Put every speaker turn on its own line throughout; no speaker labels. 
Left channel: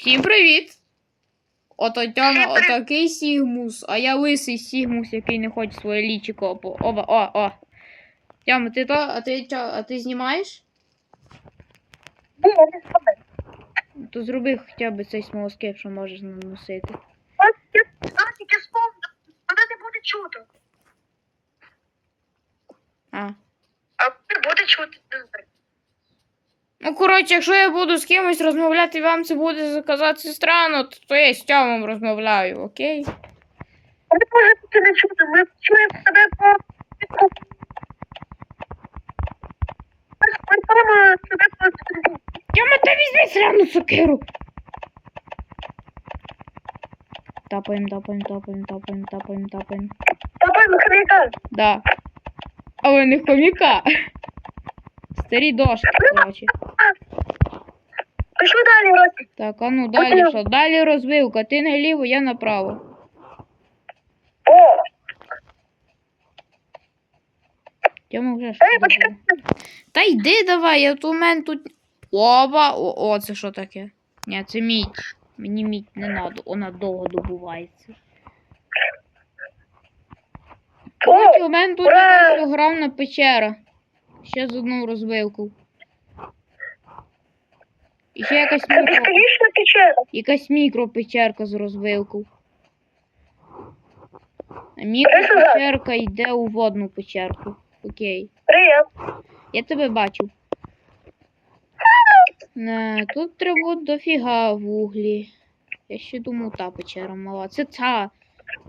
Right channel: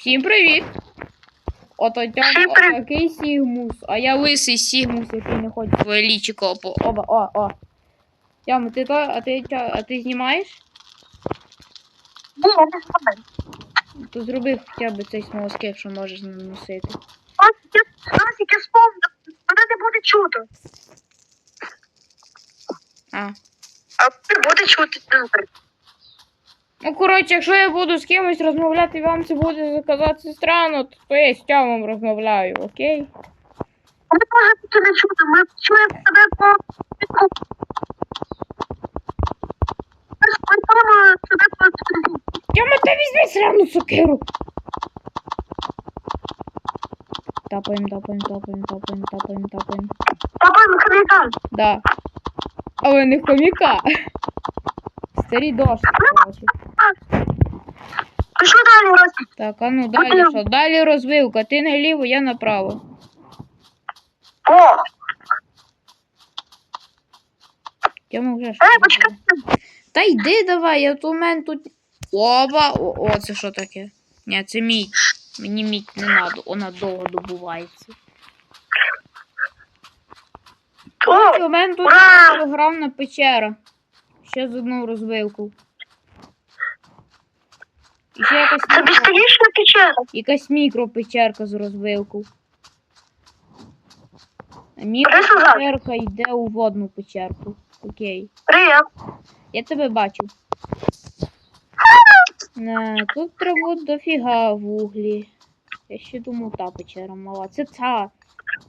Всім привіт! Ото
Всім
отакий Сігмус, а я лисий Сігмус, який не хоче своє лічико по оба. О, о. Тьома, ти то, а ти чо, а ти знімаєш?
Ні, я не знаю.
То зроби хоча б цей смолоскип, що можеш наносити.
Ось я я тільки сповнив, мене не буде чути.
А.
А буде чути.
Ну, коротше, якщо я буду з кимось розмовляти, вам це буде казатися странно, то, то я з Тьомом розмовляю, окей?
Ми можемо не чути, ми чуємо себе по підку. Ми чуємо себе по підку.
Тьома, та візьми срану сокиру! Тапаємо, тапаємо, тапаємо, тапаємо, тапаємо, тапаємо.
Папа, ми хомяка.
Да. Але не хомяка. Старі дошки, коротше.
Пішли далі, Ростик.
Так, а ну далі що? Далі розвилка. Ти наліво, я направо.
О,
Тьома вже
почекай.
Та йди давай, я у мене тут. Оба! О, о, це що таке? Ні, це мідь. Мені мідь не надо, вона довго добувається. Коротше,
О,
у мене тут програмна печера. Ще з одну розвилку. І ще якась
це
мікро,
безконечна печера.
якась мікропечерка з розвилку. Мікропечерка йде у водну печерку. Окей.
Привіт.
Я тебе бачу. Не, тут треба дофіга вуглі. Я ще думав, та печера мала. Це ця.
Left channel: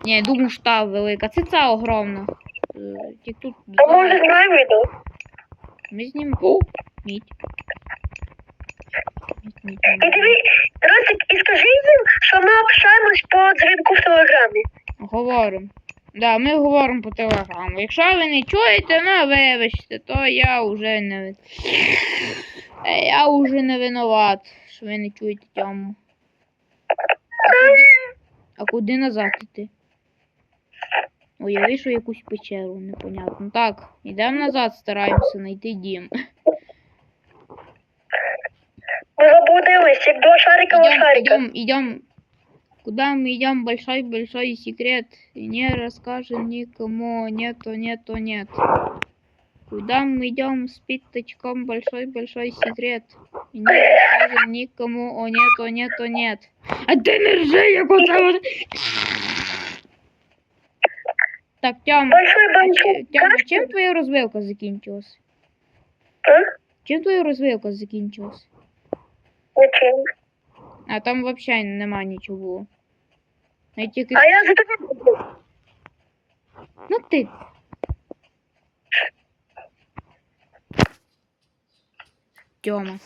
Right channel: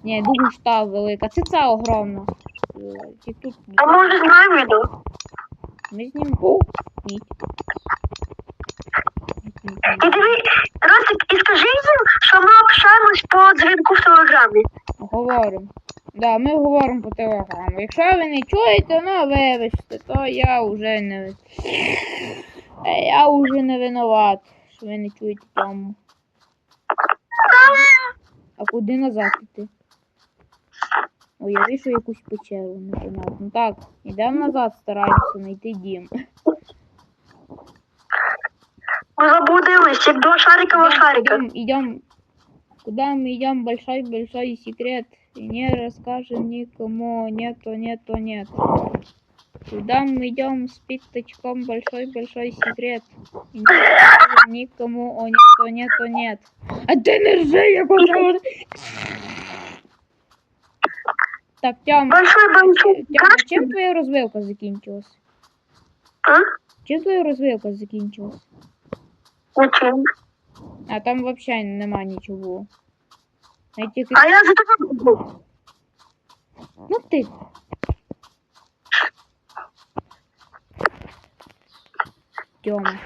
Ні, я думаю, що та велика. Це ця огромна. Е, тут.
А може знаємо йду?
Ми знімемо. О, мідь.
І диві, Ростик, і скажи їм, що ми общаємось по дзвінку в телеграмі.
Говоримо. Да, ми говоримо по телеграму. Якщо ви не чуєте, ну вибачте, то я вже не. Е, Я вже не винуват, що ви не чуєте тьому. А куди назад іти? Ой, я вийшов якусь печеру, непонятно. Так, йдемо назад, стараємося знайти дім.
Ми заблудились, як два шарикова
Идем,
шарика.
идем, идем. Куда мы идем? Большой, большой секрет. И не расскажем никому. Нету, нету, нет. Куда мы идем с пятачком? Большой, большой секрет. И не расскажем никому. О, нету, нету, нет. А ты не ржи, я хочу. Так, Тём,
Большой
а че- Тём, а чем твоя розвилка закінчилась?
А?
Чим твоя розвилка закінчилась?
Нічим.
А там вообще нема нічого. Я тільки...
А я за тобою буду.
Ну ти. Тьома.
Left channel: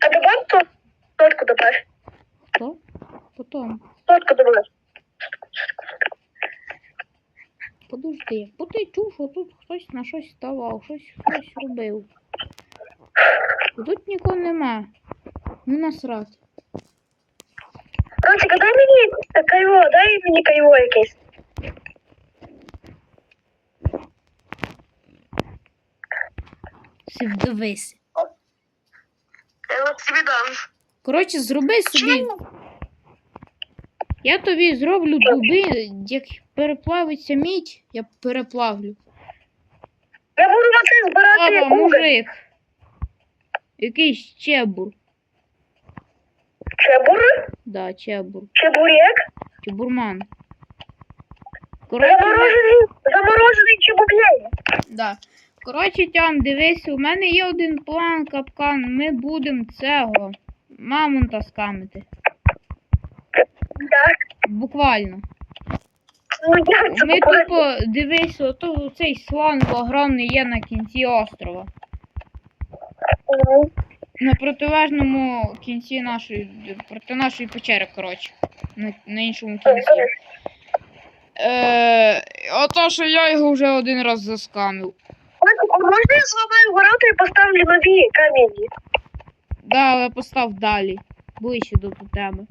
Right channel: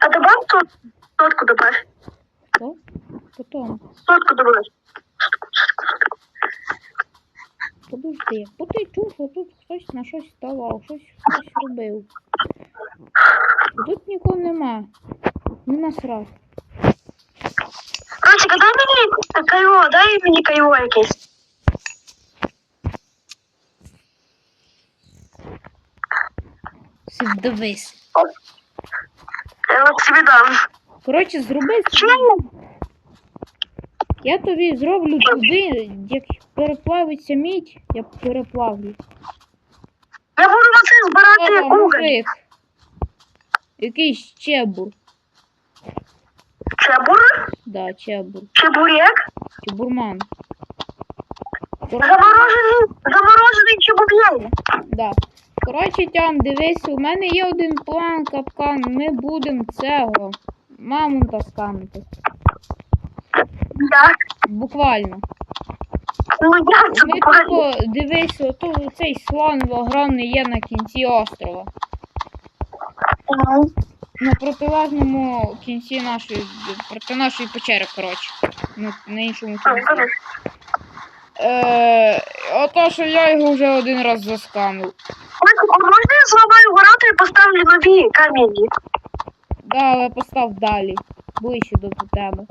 А добавь сот, сотку добавь.
Хто? Потом.
Сотку добавь.
Подожди. Бо ти чув, що тут хтось на щось ставав, щось хтось робив. Тут нікого нема. Ну насрать.
Ростик, дай мені кайво, дай мені кайво якесь.
Си.
Я от собі дам.
Коротше, зроби собі.
Чому?
Я тобі зроблю дуби, як переплавиться мідь, я переплавлю.
Я буду це збирати уголь.
мужик. Якийсь чебур.
Чебур?
Да, чебур.
Чебурек?
Чебурман. Коротше,
Заморожений, заморожений чебурек.
да. Коротше, Тям, дивись, у мене є один план, капкан. Ми будемо цього мамонта скамити.
Да.
Буквально.
Ну,
Ми тупо дивись, ото цей слон огромний є на кінці острова. На протилежному кінці нашої, проти нашої печери, коротше. На, на іншому кінці. Е, ото, що я його вже один раз заскамив.
Ростик, а можна я зламаю ворота і поставлю нові камені?
Да, але постав далі. Ближче до тебе.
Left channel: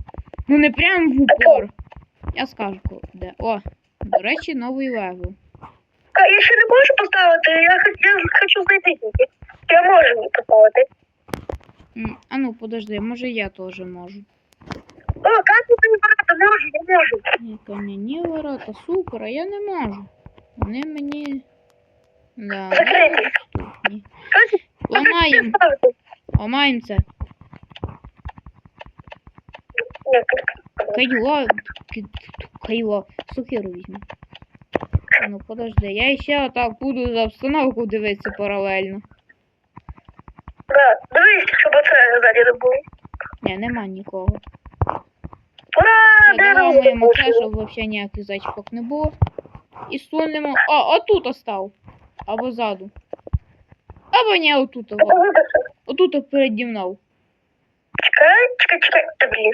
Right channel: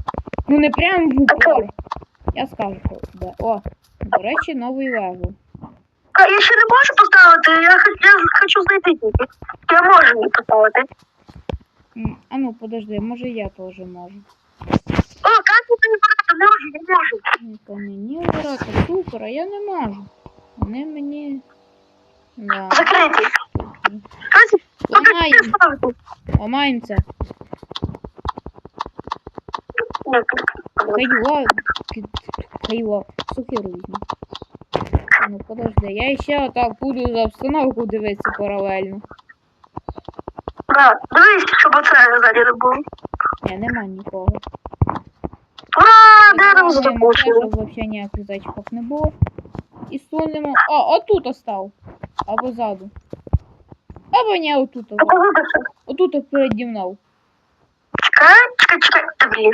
Ну не прям в упор. Я скажу, де. О, до речі, новий левел.
Та я ще не можу поставити, я, я хочу знайти тільки. Я можу її поставити.
М, А ну, подожди, може я теж можу.
О, так ти не брати, можу, я можу.
Ні, кам'яні ворота, супер, а я не можу. Вони мені. Да,
Закритий.
Ламаємо, ламаємо це. Кайло, кайло, сокиру візьму. Ну подожди, я ще отак буду за обстановку дивитися паралельно.
Да, дивись, щоб оце ззаді не було.
Ні, нема нікого.
Ура, де нам
Заламуємо це, щоб взагалі ніяких зачіпок не було. І сунемо. А, отут остав. Або ззаду. Або ні, отут. Отут переді мною.
Чекай, чекай, чекай, та блін.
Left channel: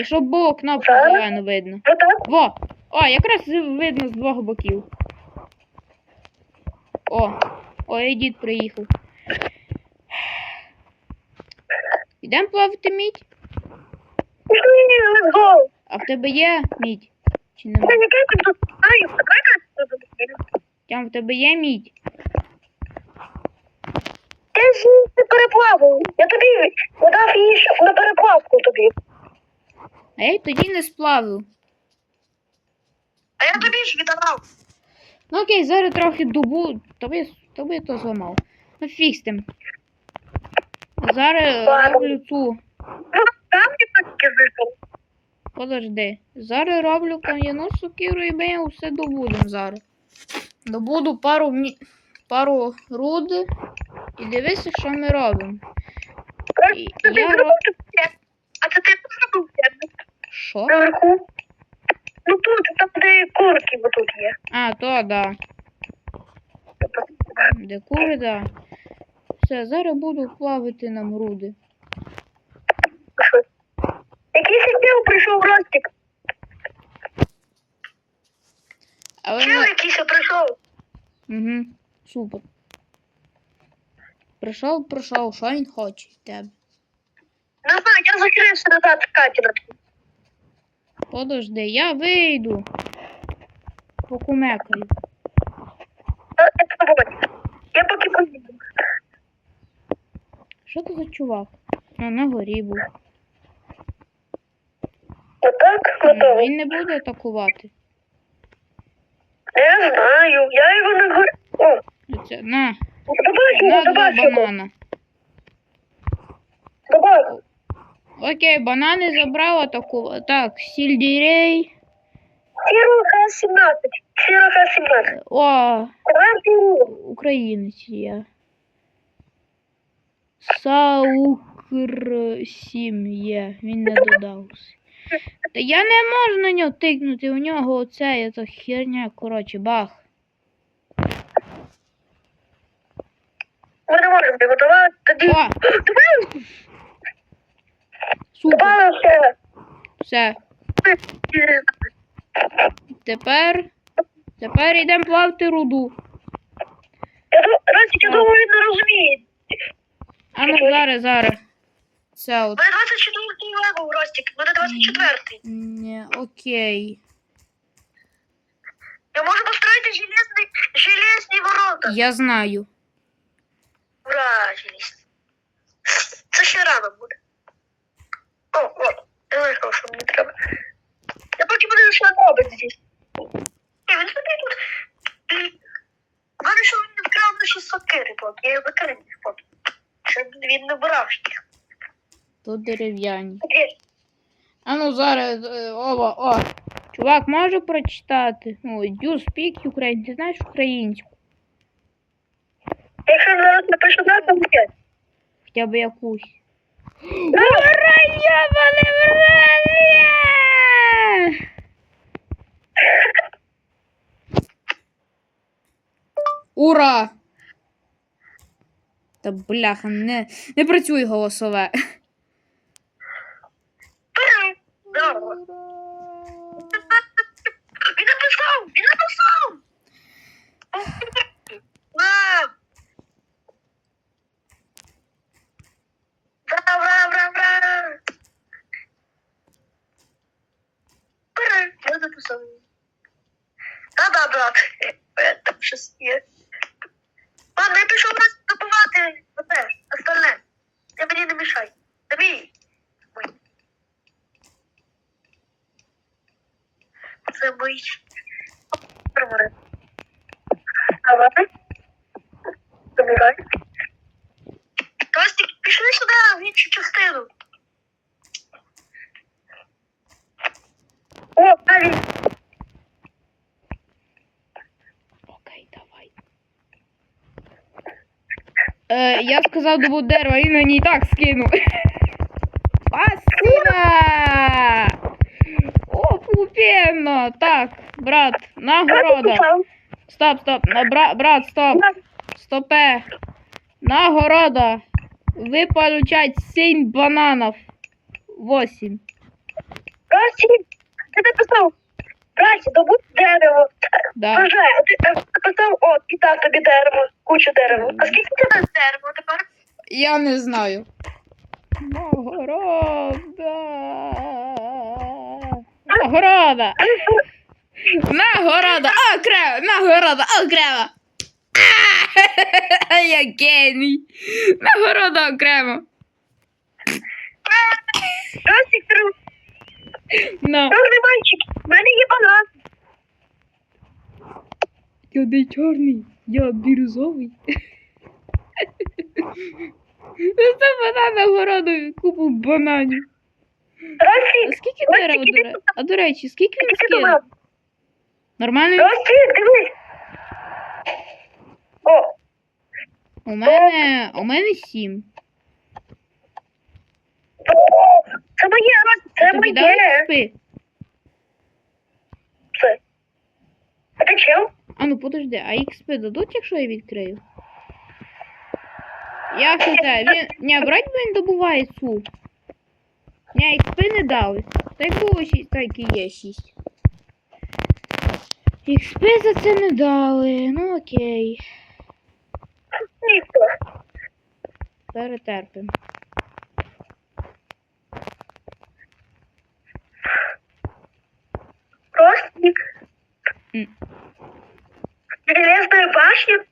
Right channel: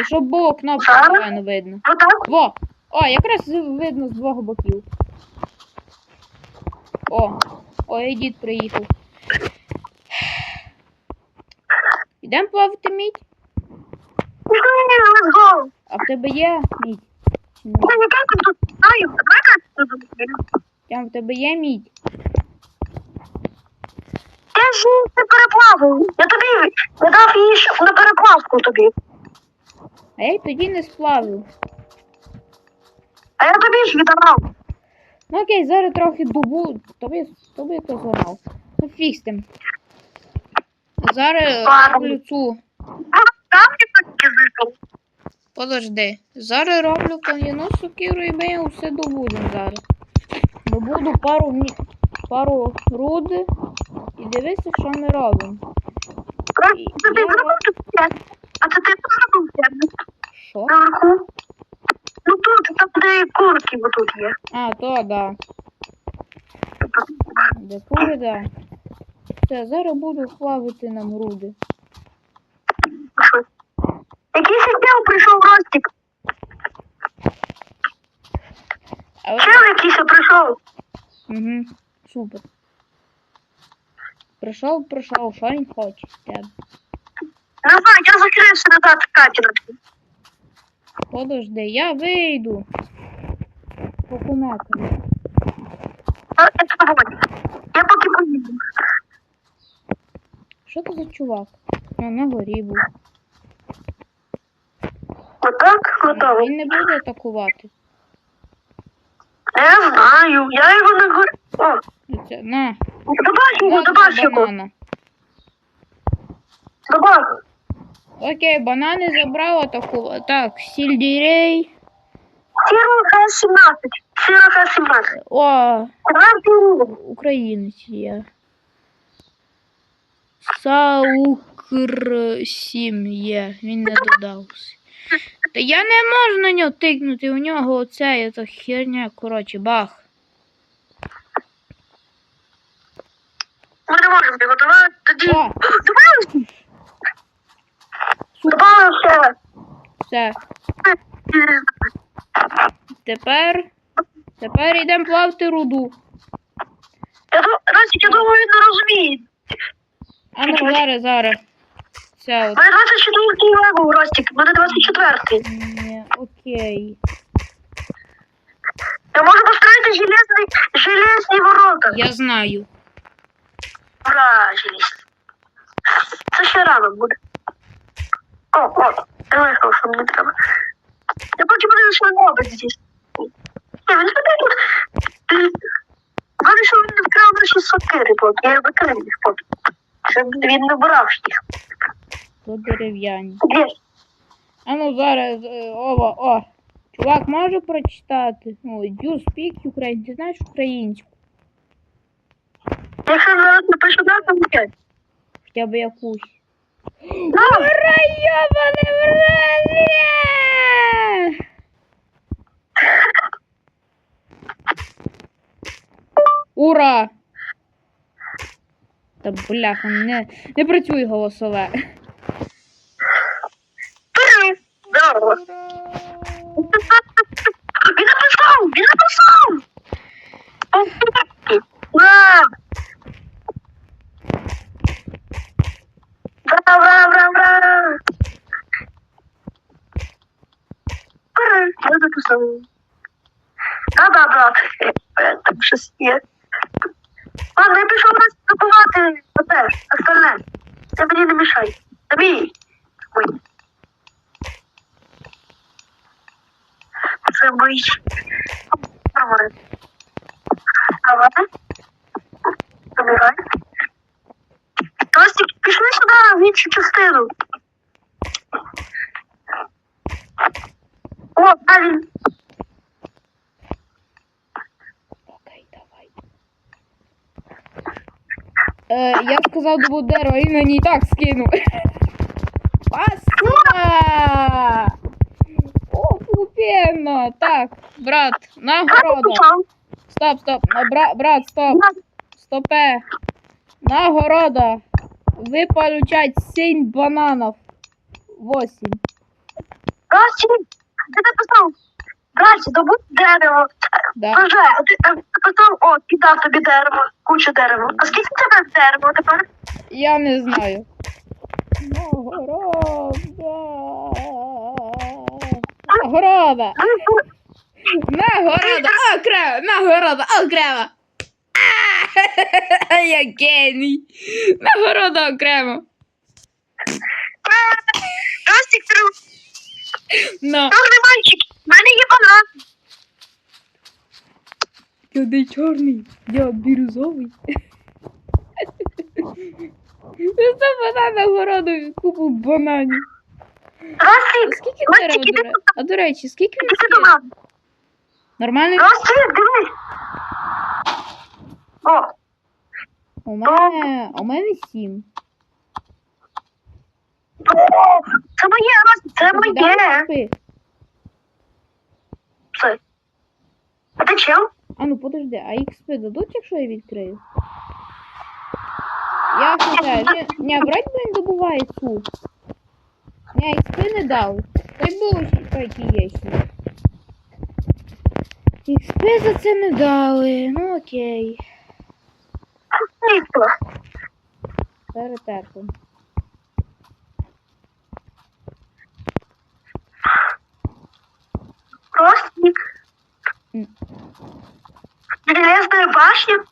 І щоб було кнопку зелену видно.
Отак?
Во! О, якраз видно з двох боків. О, ой, і дід приїхав. Йдемо плавати мідь? А в тебе є мідь? Чи нема? Тям, в тебе є мідь?
Я ж не переплавив. Я тобі не дав її на переплавку тобі.
А я й тоді не сплавив.
А я тобі ж віддавав.
Ну окей, зараз трохи дубу. Тобі, тобі то зламав. Ну фіг з тим. А зараз роблю цю.
Ну.
Подожди. Зараз роблю кам'яну сокиру і ми все добудемо зараз. Добуду пару пару руди і дивися, що ми робимо. І я роб-.
А це ти зробив.
Що?
Наверху. Ну тут, там де курки отут є.
А, то да. Де кури, да. Все, зараз буду плавити нам руди.
Що? Якийсь відділ прийшов Ростик.
Але
Чел якийсь прийшов.
Угу. Супер. Прийшов, прийшов, що він хоче від тебе.
Не я закрився назад в катер.
Подожди, я вийду. Покумекаю.
А, це погодь. Я поки поїду.
Що це за чувак? Ну, на горі був.
Отак,
Ну,
готовий.
Він не буде атакувати.
Не знаю, я його не говорю. О,
Це, на,
добавь його,
на два
його.
банана.
Добавь.
Окей, банани забрав атакувати. Так, сільдірей.
Сіро Х-17. Сіро Х-17.
О, українець є. Саукр 7 є, він не додався. Та я не можу на нього тикнути, у нього оце ця херня, коротше, бах.
Ми не можемо добавити. Тоді.
О,
Добавив?
супер,
Добавив ще.
Все. Тепер. Тепер йдемо плавати руду.
Ростик, я думаю, він не розуміє.
А ну зараз, зараз. Це от.
У мене 24 левел, Ростик. У мене 24.
Ні, окей.
Я можу построїти железний, железні ворота.
Я знаю.
Ура, железні. Це ще рано буде. О, о, я що мені треба. Я поки буду що він здесь. Ні, він собі тут. Головне, що він не вкрав наші сокири поки. Я викрив їх поки. Щоб він не брав їх.
Тут дерев'яні.
Де?
А ну зараз. е, Ова, о. Чувак, може прочитати? Ну, you speak Ukraine. Ти знаєш українську?
Якщо зараз напишу то буде.
Хоча б якусь. Ура, йобане братє! Ура! Та бляха, не, не працює голосове.
Три. Здорово. Він написав! Він написав! Ура! Бра, бра, бра, бра! Ура! Я написав. Да-да, брат. щось є. Ладно, я пішов нас добувати оте, остальне. Ти мені не мішай. Тобі. Ой. Нормально. Давай. Забирай. Костик, пішли сюди в іншу. О, парень.
Окей, давай. Е, я сказав добу дерева, він мені і так скинув. Пасина! О! Так, брат, нагорода. Стоп, стоп, бра, брат, стоп. Стопе. Нагорода. Вы получаете 7 бананов. 8.
Костик, ти написав. Костик, добудь дерево.
Да.
А ти а ти написав, о, кидав тобі дерево, кучу дерева. А скільки в тебе дерева тепер?
Я не знаю. Нагорода. Нагорода. Нагорода. Окремо. Нагорода. Окремо. А, Я геній. Нагорода окремо.
Костик, ти
На.
мальчик, в мене є банан.
Я не чорний, я бірюзовий. Це банан нагороду купу бананів. А скільки дерева,
такі
до? А до речі, скільки він скинув?
банан.
Нормально?
Костик, дивись. О,
У мене, у мене сім.
о, це моє, Ростик, це
Тобі дали
моє.
спи?
А ти чим?
А ну подожди, а XP дадуть, якщо я відкрию? Я хз, він... Ні, брать він добуває цю. Ні, XP не дали. Так було ще, так і є за це не дали. Ну окей.
Світло.
Перетерпимо.
Костик.
М.
Железная башня?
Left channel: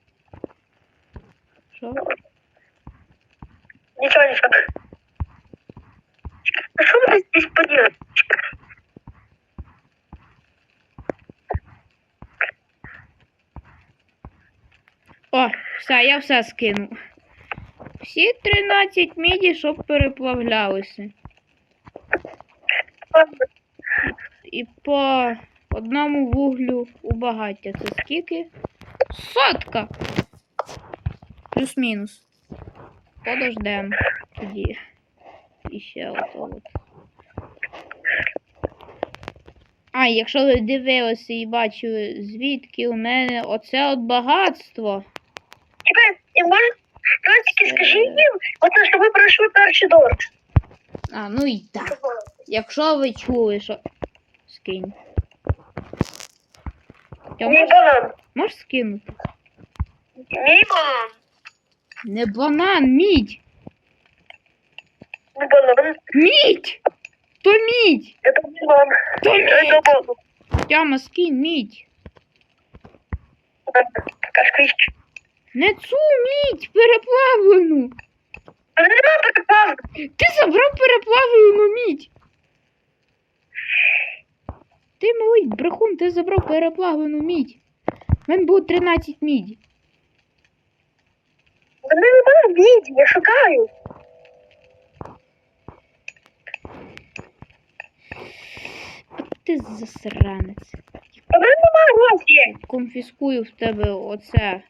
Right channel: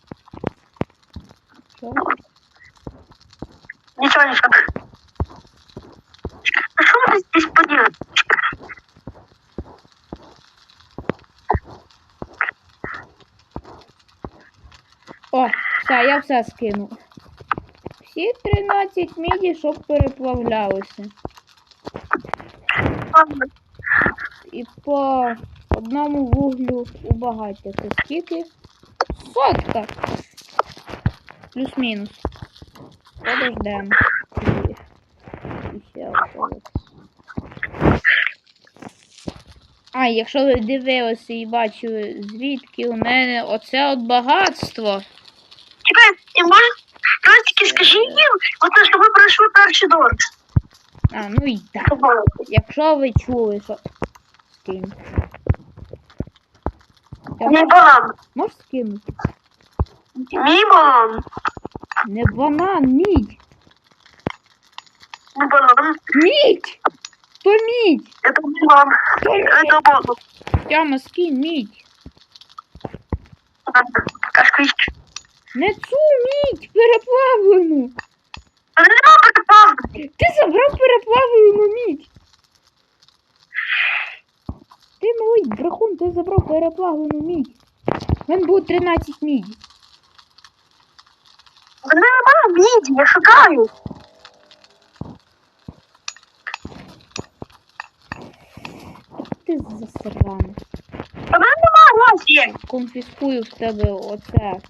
Що?
Ничего, ничего. Что поделать?
О, все, я все скину. Всі 13 міді, щоб переплавлялися. І по одному вуглю у багаття. Це скільки? Сотка. Плюс-мінус. Подождем. Тоді. І ще ото от. А, якщо ви дивилися і бачили, звідки у мене оце от багатство.
Може, Костики, скажи їм, оце, що ви пройшли перший дор.
А, ну і так. Якщо ви чули, що. Скинь.
Мій банан.
можеш скинути?
Мій банан.
Не банан, мідь!
Мій банан.
Мідь! То мідь!
Это банан.
То мідь!
Это банан.
Тяма, скинь мідь!
Кашквич.
Не цю мідь переплавлену!
А нема припав.
Ти забрав переплавлену мідь! Ти малий брехун, ти забрав переплавлену мідь. У мене було 13 міді.
В мене нема віді, я шукаю.
Ти засранець.
А в мене нема гроші.
Конфіскую в тебе оце.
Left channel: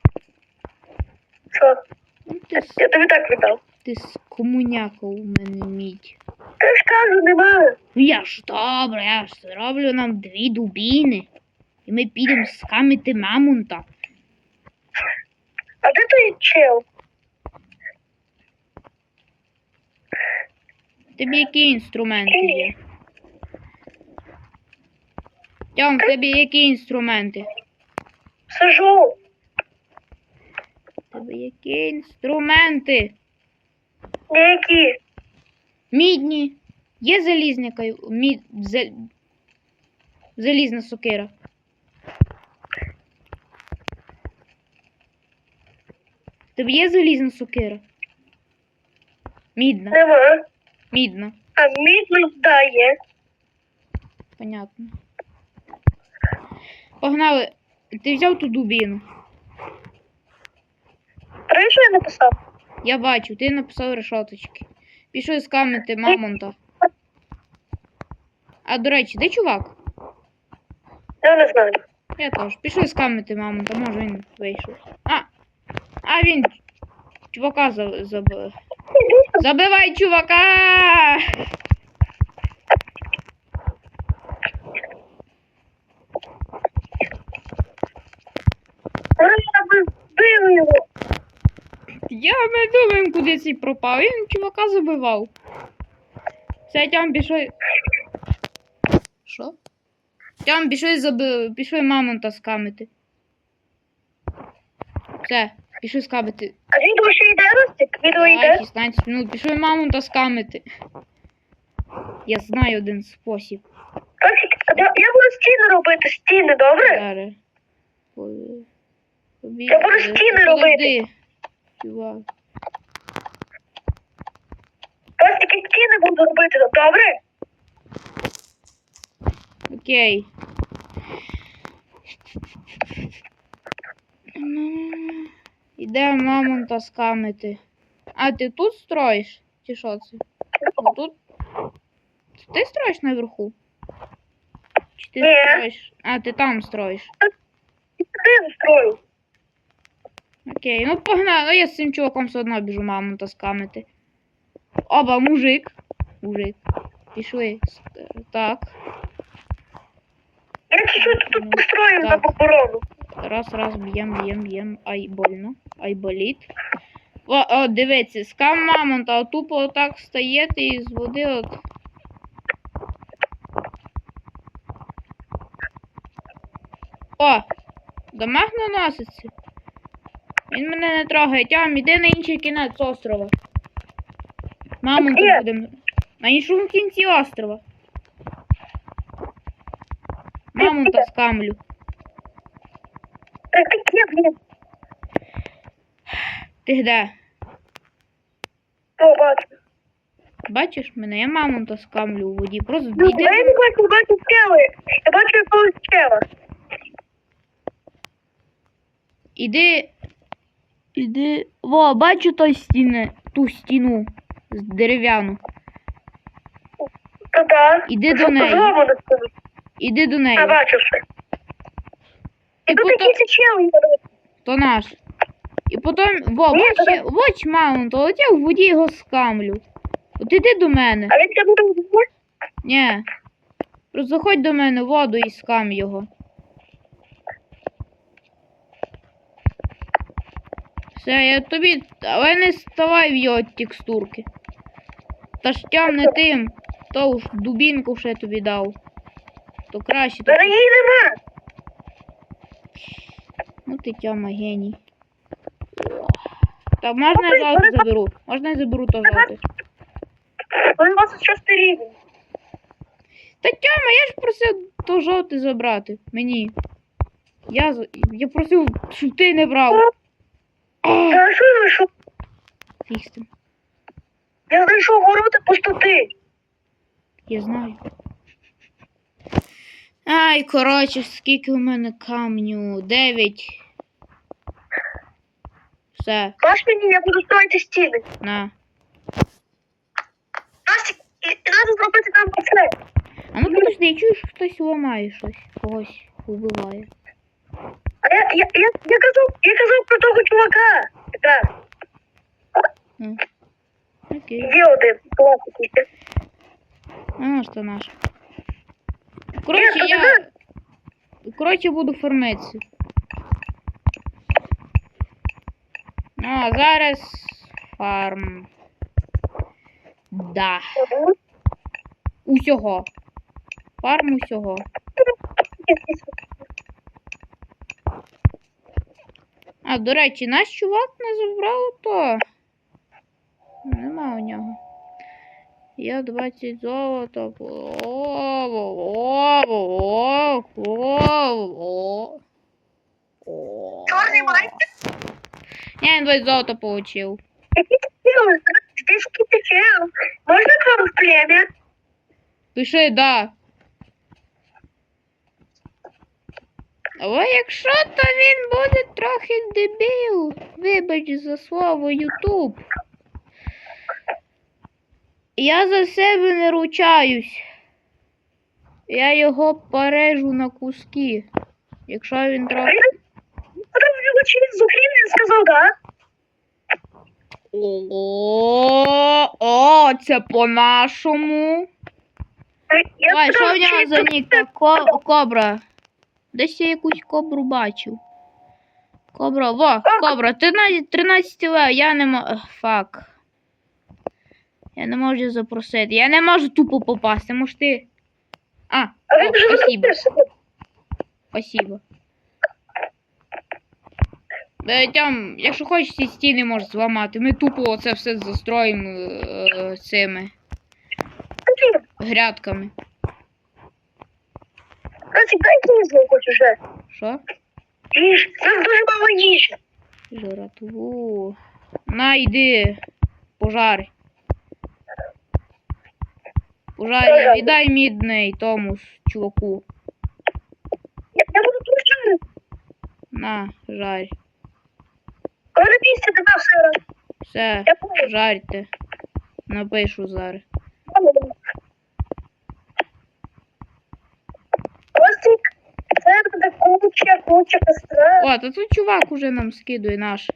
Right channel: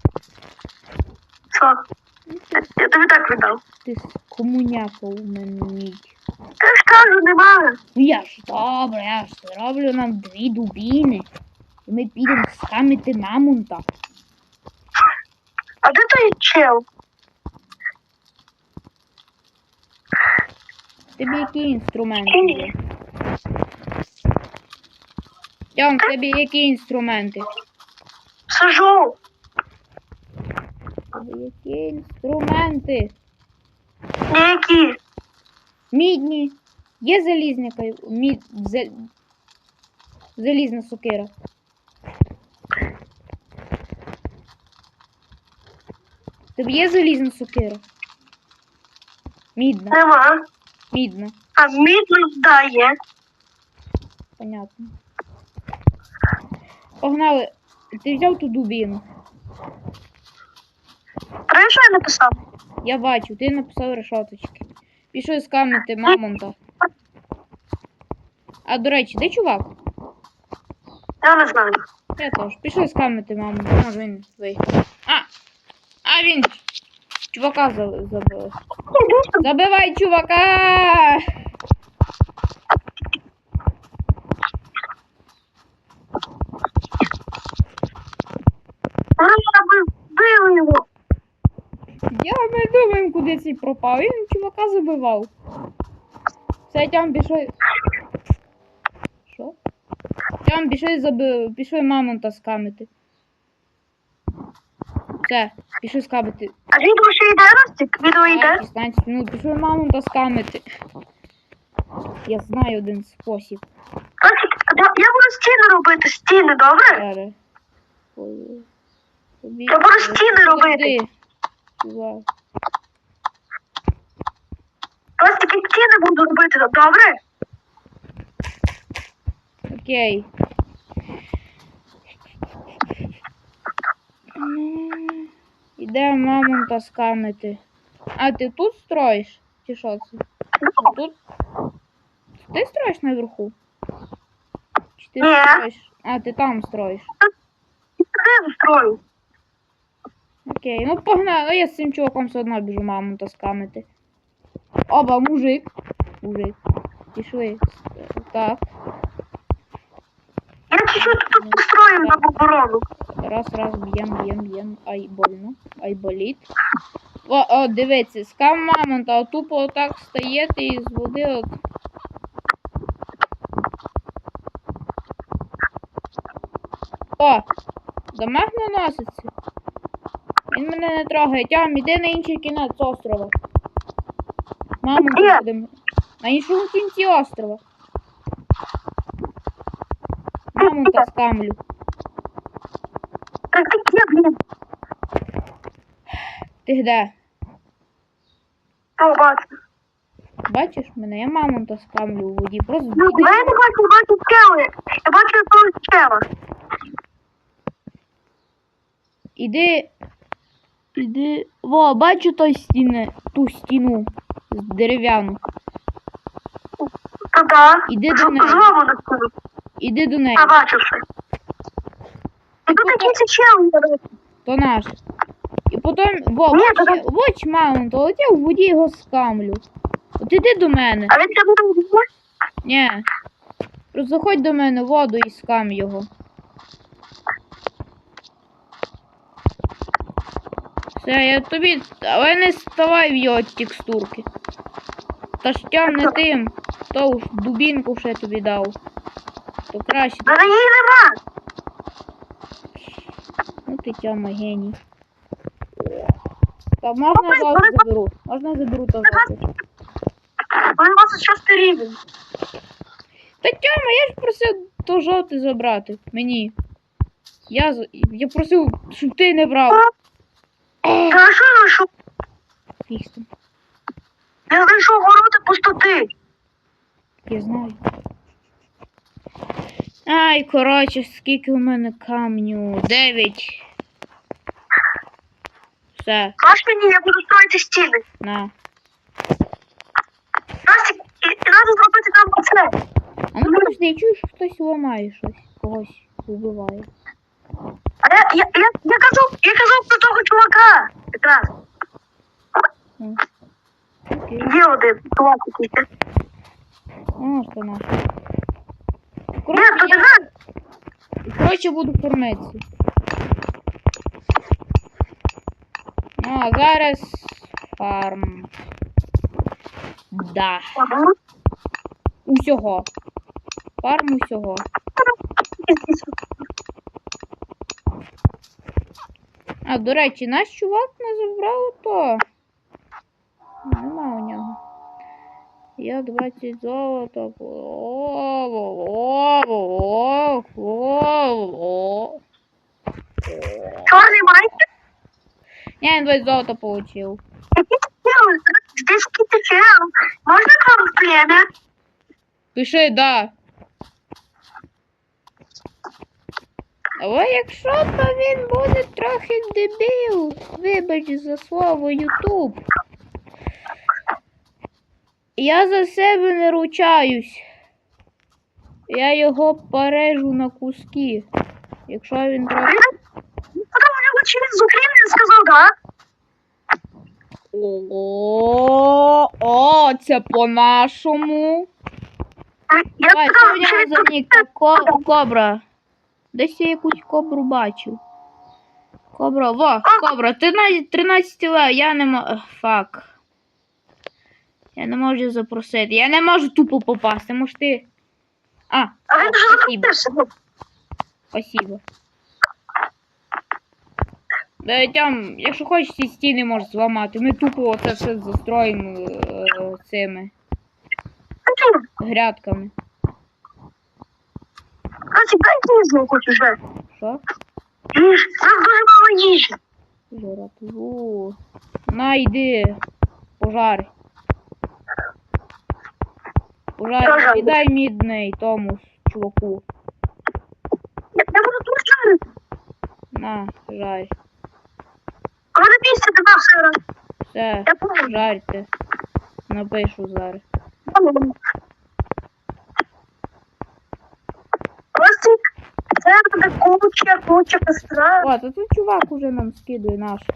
Що?
Ну, ти, с-
Я тобі так віддав.
ти з комуняка у мене мідь.
Я ж кажу, немає.
Ну я ж добре, я ж зроблю нам дві дубіни. І ми підемо скамити мамонта.
А де той чел?
Тобі які інструменти є? Тьом, тобі які інструменти?
Сажу.
Тобі які інструменти?
Які?
Мідні. Є залізняка, мід, зал... залізна сокира. В Тебе є залізна сокира? Мідна.
Нема.
Мідна.
А мідно здає.
Понятно. Погнали. Ти взяв ту дубіну.
Три, я написав?
Я бачу, ти написав решоточки. Пішов скамити мамонта. А до речі, де чувак?
Я не знаю.
Я теж. Пішов скамити мамонта, може він вийшов. А! А він чувака за- забив. Забивай чувака!
Ура, ви вбили його.
Ми думаємо, куди цей пропав. Він чувака забивав. Все, тям пішов. Що? Тям пішов забив. Пішов мамонта скамити. Все, пішов скамити.
А відео ще йде, Ростик? Відео йде?
16 минут. Пішов мамонта скамити. Я знаю один спосіб.
Ростик, я буду стіни робити, стіни, добре?
Зараз.
Я буду стіни робити.
Чувак.
Ростик, я стіни буду робити, добре?
Окей. Іде мамонта скамити. А ти тут строїш? Чи що це? Тут? Ти строїш наверху? Чи ти строїш? А, ти там строїш.
Туди строю.
Окей, ну погнали. Ну, я з цим чуваком все одно біжу мамонта скамити. Оба, мужик. Мужик. Пішли. Так.
Я чуть-чуть тут построю на
Так.
оборону.
Раз, раз, б'єм, б'єм, б'єм. Ай, больно. Ай, болить. О, о, дивіться, скам мамонта, а тупо отак стаєте і з води от. О! Дамаг наноситься. Він мене не трогає. Тям, іди на інший кінець острова. Мамонта
Де?
будемо. На іншому кінці острова. Мамонта скамлю.
Так ти
де?
О, бачу.
Бачиш мене? Я мамонта скамлю у воді. Просто
Ну, я не бачу, я бачу скели. Я бачу якогось скела.
Іди. Іди. Во, бачу той стіни, ту стіну з дерев'яну.
Та да.
Іди до неї. Іди до неї.
Я бачу.
І
І тут
потім...
якийсь чел є.
То наш. І потім. Во,
Ні,
бач,
то
я- воч маунт, от я в воді його скамлю. От іди до мене.
А він буде вбивати?
Ні. Просто заходь до мене в воду і скам його. Все, я тобі. Але не ставай в його текстурки. Та ж тям не тим. То ж дубінку ще тобі дав. То краще.
Та її нема.
Ну ти тяма геній. Та можна я золото заберу? Можна я заберу то золото?
Він 26 рівень.
Та тяма, я ж просив то жовте забрати. Мені. Я, я просив, щоб ти не брав.
Що я знайшов?
Фіг з тим.
Я знайшов ворота пустоти.
Я знаю. Ай, коротше, скільки у мене камню? Дев'ять. Все,
Бач мені, я буду строїти стіни.
на.
Настя, і, і треба зробити там оце.
А ну подожди, я чую, що хтось ламає щось. Когось вбиває.
А я, я, я, я, казав, я казав про того чувака. Якраз.
М. Окей.
Є один, клас якийсь.
Ну, що наш.
Ні,
Коротше, я.
не
Коротше, буду фармитися. Ну, а зараз фарм. Да. Усього. Фарм усього. А, до речі, наш чувак не забрав то. Нема у нього. Я 20 золота.
Чорний майстер?
Я інвайт золото получив.
Ну, Здесь какие-то чел. Можно к вам в племя?
Пиши, да. Але якщо то він буде трохи дебіл, вибач за слово Ютуб. Я за себе не ручаюсь. Я його порежу на куски. Якщо він трохи.
Потом у него через Украину сказал, да?
О, о, це по-нашому. Давай, що в нього за ніка? Ко- Кобра. Десь я якусь кобру бачив. Кобра, во, кобра, ти на 13 лев, я не можу. Фак. Я не можу запросити. Я не можу тупо попасти, може ти. А, о, спасибо, спасибо. Да, там, якщо хочеш, ці стіни можеш зламати. Ми тупо оце все застроїмо е, цими грядками.
Дайте їжу хоч уже.
Що?
Їж. Нас дуже мало їжі.
Жратву. На, йди. Пожар. Пожар, віддай мідний тому чуваку.
Я, буду тут.
На, жарь.
Коли на місці до.
Все,
Я
жарьте. Напишу зараз.
Костик, це буде куча, куча костра.
О, та тут чувак уже нам скидує наш.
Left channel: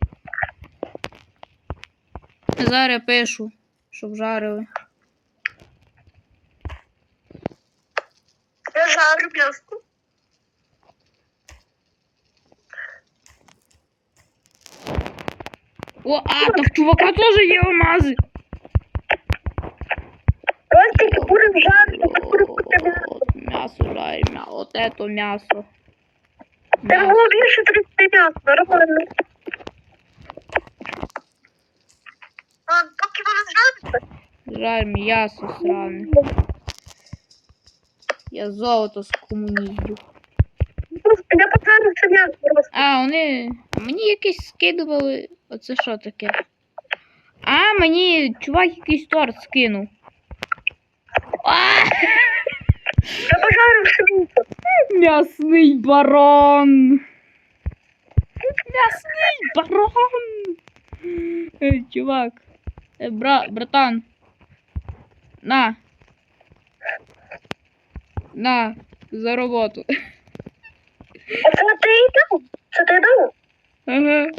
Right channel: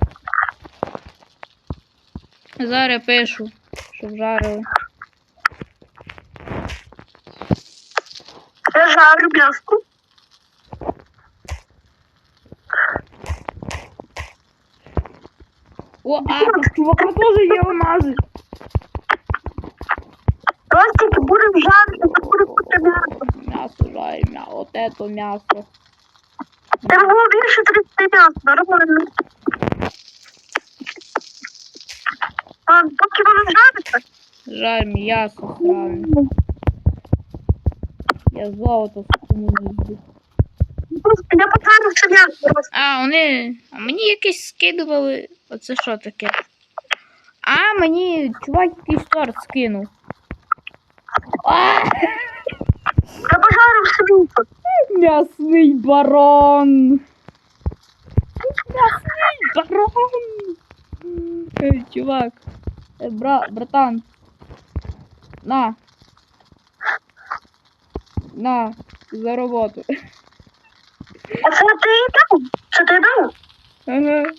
Зараз пишу, щоб жарили.
Я жарю м'яско.
О, а, та в чувака теж є алмази.
Костик, будемо жарити, то буде куча м'ясо.
М'ясо жарь, м'я... от ето м'ясо.
Там було більше 30 м'яса, нормально. А, поки воно жариться,
Жаль, м'ясо сране. Я золото скомуніздю.
просто я пожарив все м'ясо. просто.
А, вони. А мені якесь скидували. Оце що таке? А, мені чувак якийсь торт скинув. А!
Я пожарив м'ясо.
М'ясний барон. М'ясний барон. Ей, чувак. Е, бра, братан. На. На, за роботу.
А це ти і дав? Це ти дав?
Ага.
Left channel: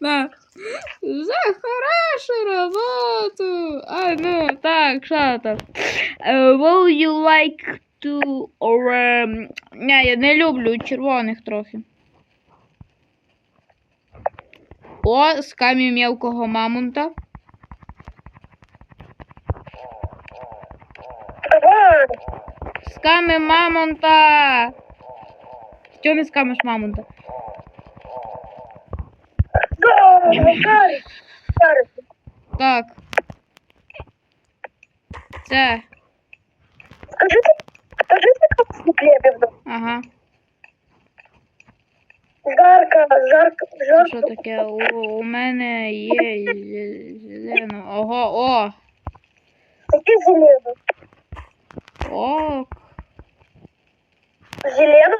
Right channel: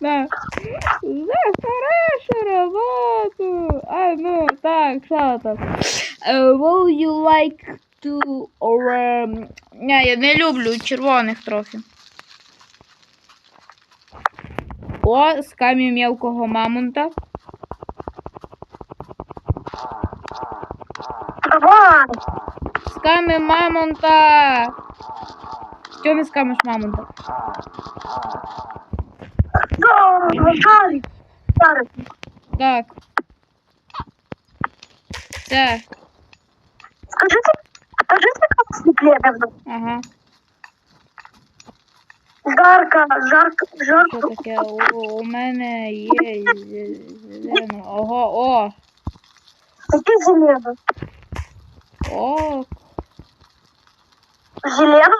На. За хорошу работу. А, ну, так, що там? Uh, will you like to or... ем, Не, я не люблю червоних трохи. О, з камінь мелкого мамонта. Камінь мамонта. Не скамиш мамонта?
Да.
Так. Це.
Скажите, скажите, как слепленно.
Ага.
Жарко, жарко,
Що
жарко.
таке? У, у мене є зелено. Ого, о!
Какие зелено?
О,
Зелено?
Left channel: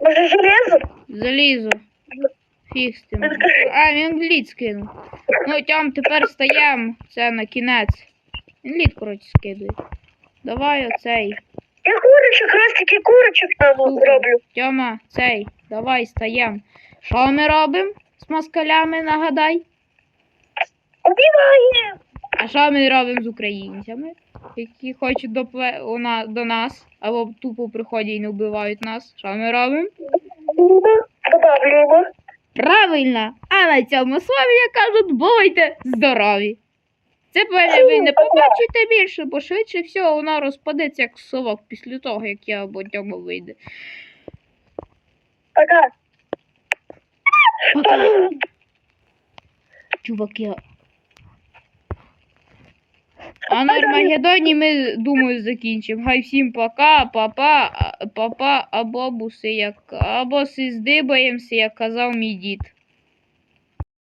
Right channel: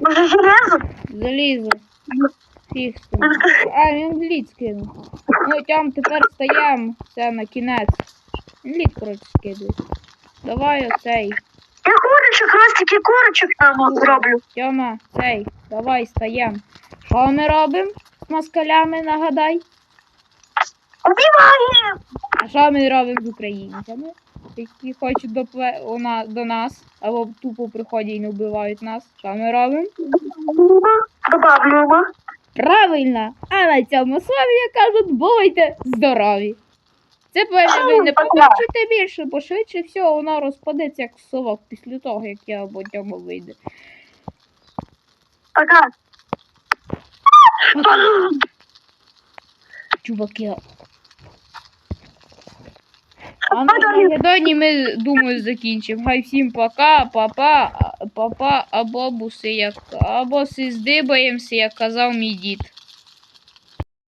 Может, железо?
залізо. Фіг з тим. А, він лід скинув. Ну, там тепер стаємо. Це на кінець. Він лід, коротше, скидує. Давай оцей.
Я курочек, ростики курочек там зроблю.
Тьома, цей. Давай стаєм. Що ми робимо з москалями, нагадай?
Убиваем!
А що ми робимо з українцями, які хочуть на... до нас, або тупо приходять і не вбивають нас? Що ми робимо?
Добавляем.
Правильно! А на цьому слові я кажуть, бувайте здорові! Це певне ви не побачите більше, бо швидше всього воно розпадеться як совок після того, як я або тьому вийде.
Пока.
Чуваки, А на Армагеддоні ми, думаю, закінчимо. Хай всім пока, папа, папа, або буси, як, або си здибаємося, як казав мій дід.